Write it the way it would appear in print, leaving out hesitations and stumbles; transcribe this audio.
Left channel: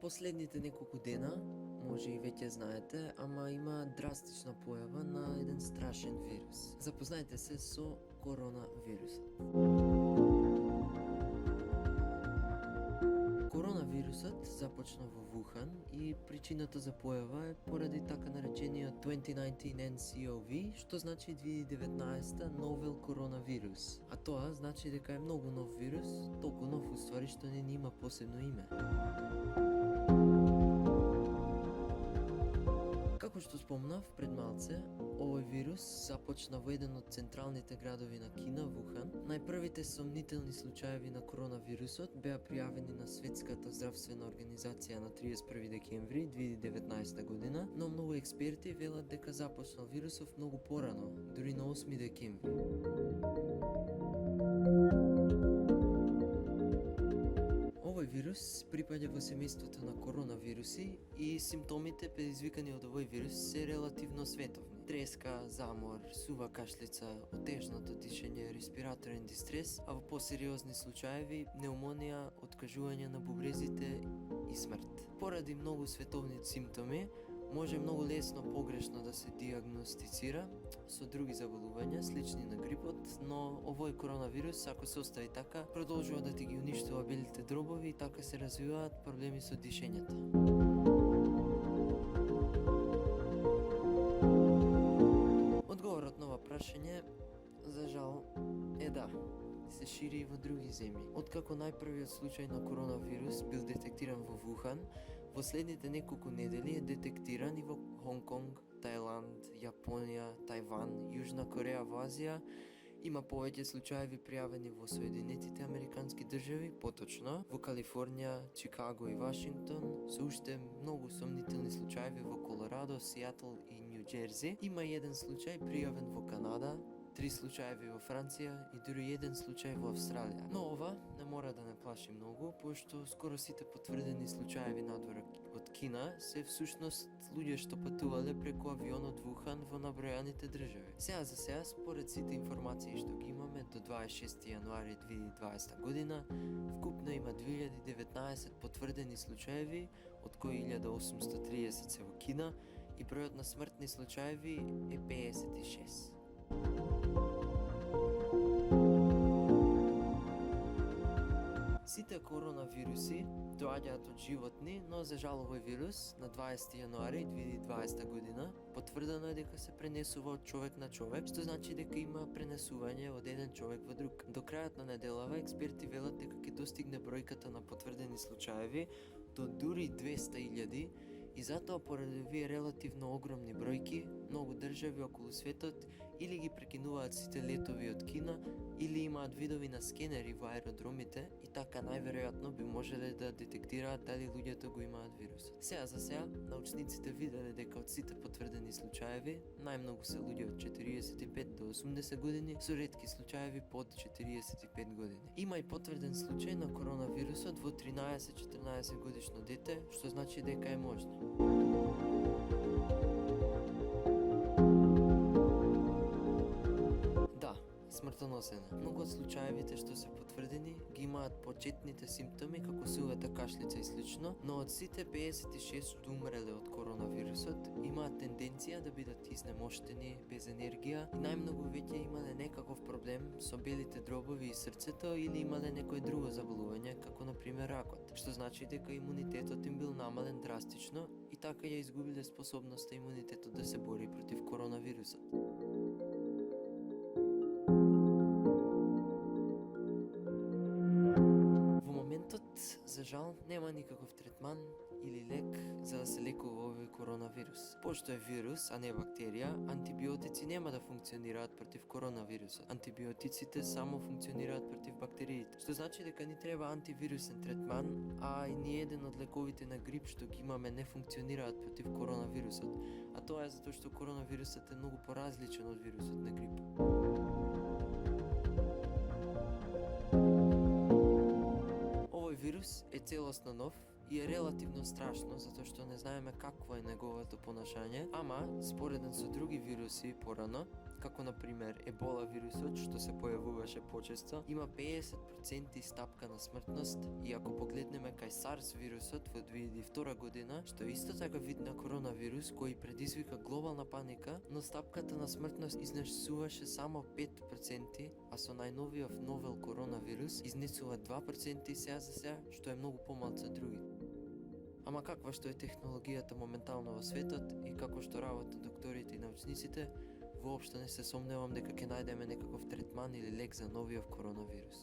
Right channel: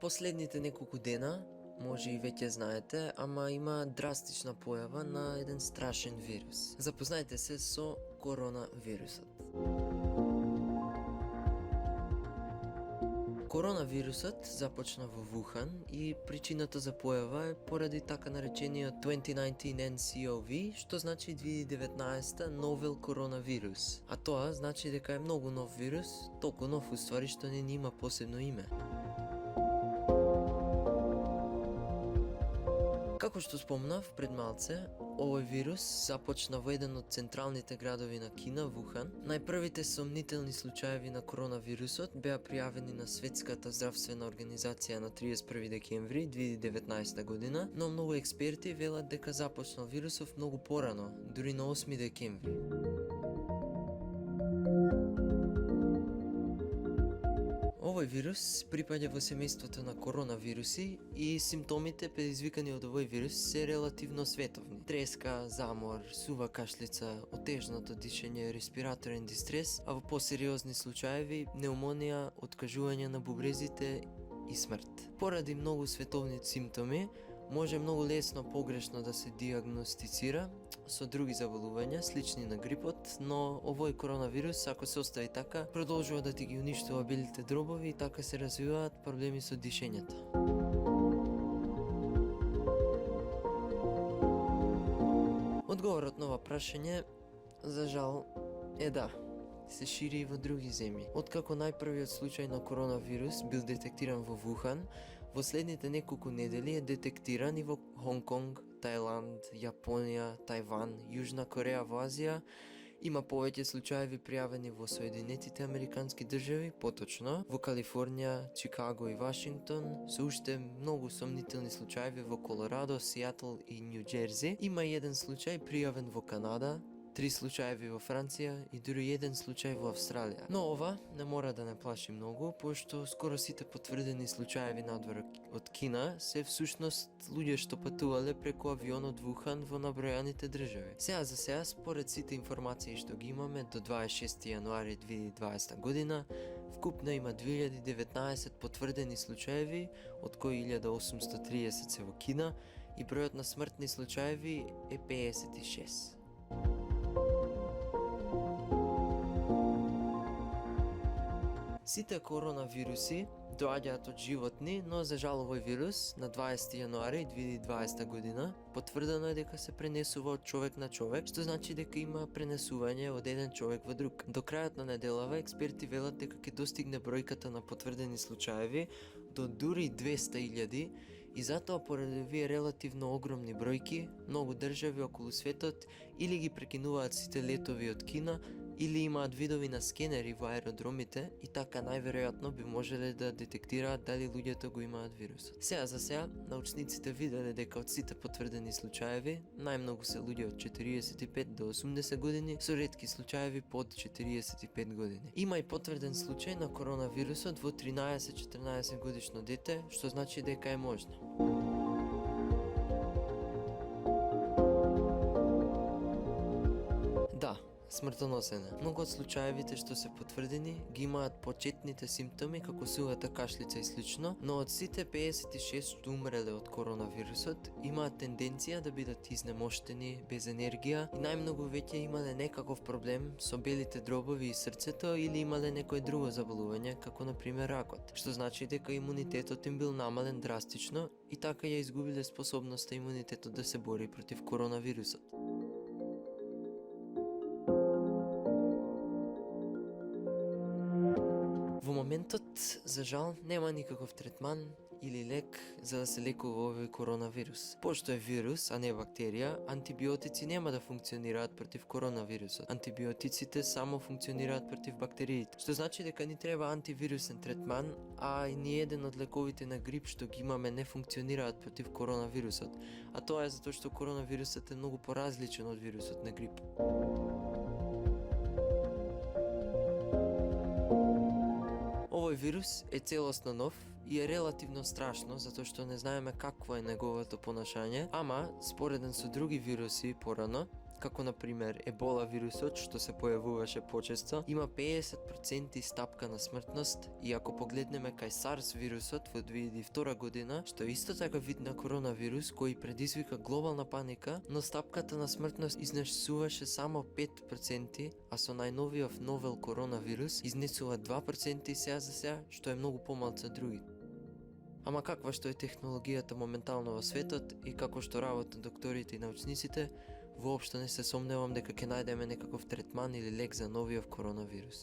Последните неколку дена, може и веќе знаете, ама има драстична појава на еден страшен вирус. Запознајте се со коронавирусот. Коронавирусот започна во Вухан и причината за појава е поради така наречениот 2019 NCOV, што значи 2019 новел коронавирус. А тоа значи дека е многу нов вирус, толку нов уствари што не има посебно име. Како што спомнав пред малце, овој вирус започна во еден од централните градови на Кина, Вухан. Најпрвите сомнителни случаеви на коронавирусот беа пријавени на Светската здравствена организација на 31 декември 2019 година, но многу експерти велат дека започнал вирусов многу порано, дури на 8 декември. Овој вирус припаѓа во семејството на коронавируси и симптомите предизвикани од овој вирус се релативно световни. Треска, замор, сува кашлица, отежнато дишење, респираторен дистрес, а во посериозни случаеви пневмонија, откажување на бубрезите и смрт. Поради многу световни симптоми, може многу лесно погрешно да се диагностицира со други заболувања, слични на грипот, но овој коронавирус, ако се остави така, продолжува да ти ги уништува белите дробови и така се развиваат проблеми со дишењето. Одговорот на ова прашање, за жал, е да. Се шири и во други земји. Откако најпрвиот случај на коронавирус бил детектиран во Вухан, во следните неколку недели е детектиран и во Хонг Конг, Тајланд, Јапонија, Тајван, Јужна Кореја во Азија. Има повеќе случаеви пријавени во Соединетите Американски држави, поточно во Калифорнија, Чикаго и Вашингтон, со уште многу сомнителни случаеви во Колорадо, Сијатл и Њу Џерзи. Има и еден случај пријавен во Канада, 3 случаеви во Франција и дури еден случај во Австралија. Но ова не мора да не плаши многу, пошто скоро сите потврдени случаеви надвор од Кина се всушност луѓе што патувале преку авион од Вухан во набројаните држави. Сега, според сите информации што ги имаме до 26 јануари 2020 година, вкупно има 2019 потврдени случаеви, од кои 1830 се во Кина и бројот на смртни случаеви е 56. Сите коронавируси доаѓаат од животни, но за жал овој вирус на 20 јануари 2020 година потврдено е дека се пренесува од човек на човек, што значи дека има пренесување од еден човек во друг. До крајот на неделава експерти велат дека ќе достигне бројката на потврдени случаеви до дури 200.000 и затоа поради овие релативно огромни бројки, многу држави околу светот или ги прекинуваат сите летови од Кина, или имаат видови на скенери во аеродромите и така најверојатно би можеле да детектираат дали луѓето го имаат вирусот. Сега, научниците виделе дека од сите потврдени случаеви, најмногу се луѓе од 45 до 80 години, со ретки случаеви под 45 години. Има и потврден случај на коронавирусот во 13-14 годишно дете, што значи дека е можно. Смртоносен е. Многу од случаевите што се потврдени ги имаат почетните симптоми како сувата кашлица и слично, но од сите 56 што умреле од коронавирусот имаат тенденција да бидат изнемоштени, без енергија и најмногу веќе имале некаков проблем со белите дробови и срцето или имале некое друго заболување, како на пример ракот, што значи дека имунитетот им бил намален драстично и така ја изгубиле способноста имунитетот да се бори против коронавирусот. Во моментот, за жал, нема никаков третман или лек за да се лекува овој коронавирус. Пошто е вирус, а не бактерија, антибиотици нема да функционираат против коронавирусот. Антибиотиците само функционираат против бактериите, што значи дека ни треба антивирусен третман, а и ни еден од лековите на грип што ги имаме не функционираат против коронавирусот. А тоа е затоа што коронавирусот е многу поразличен од вирусот на грип. Овој вирус е целосно нов и е релативно страшно затоа што не знаеме какво е неговото понашање, ама спореден со други вируси порано, како на пример ебола вирусот што се појавуваше почесто, има 50% стапка на смртност, и ако погледнеме кај SARS вирусот во 2002 година, што е исто така вид на коронавирус кој предизвика глобална паника, но стапката на смртност изнесуваше само 5%, а со најновиот новел коронавирус изнесува 2% сега за сега, што е многу помалку од другите. Ама каква што е технологијата моментално во светот и како што работат докторите и научниците, воопшто не се сомневам дека ќе најдеме некаков третман или лек за новиот коронавирус.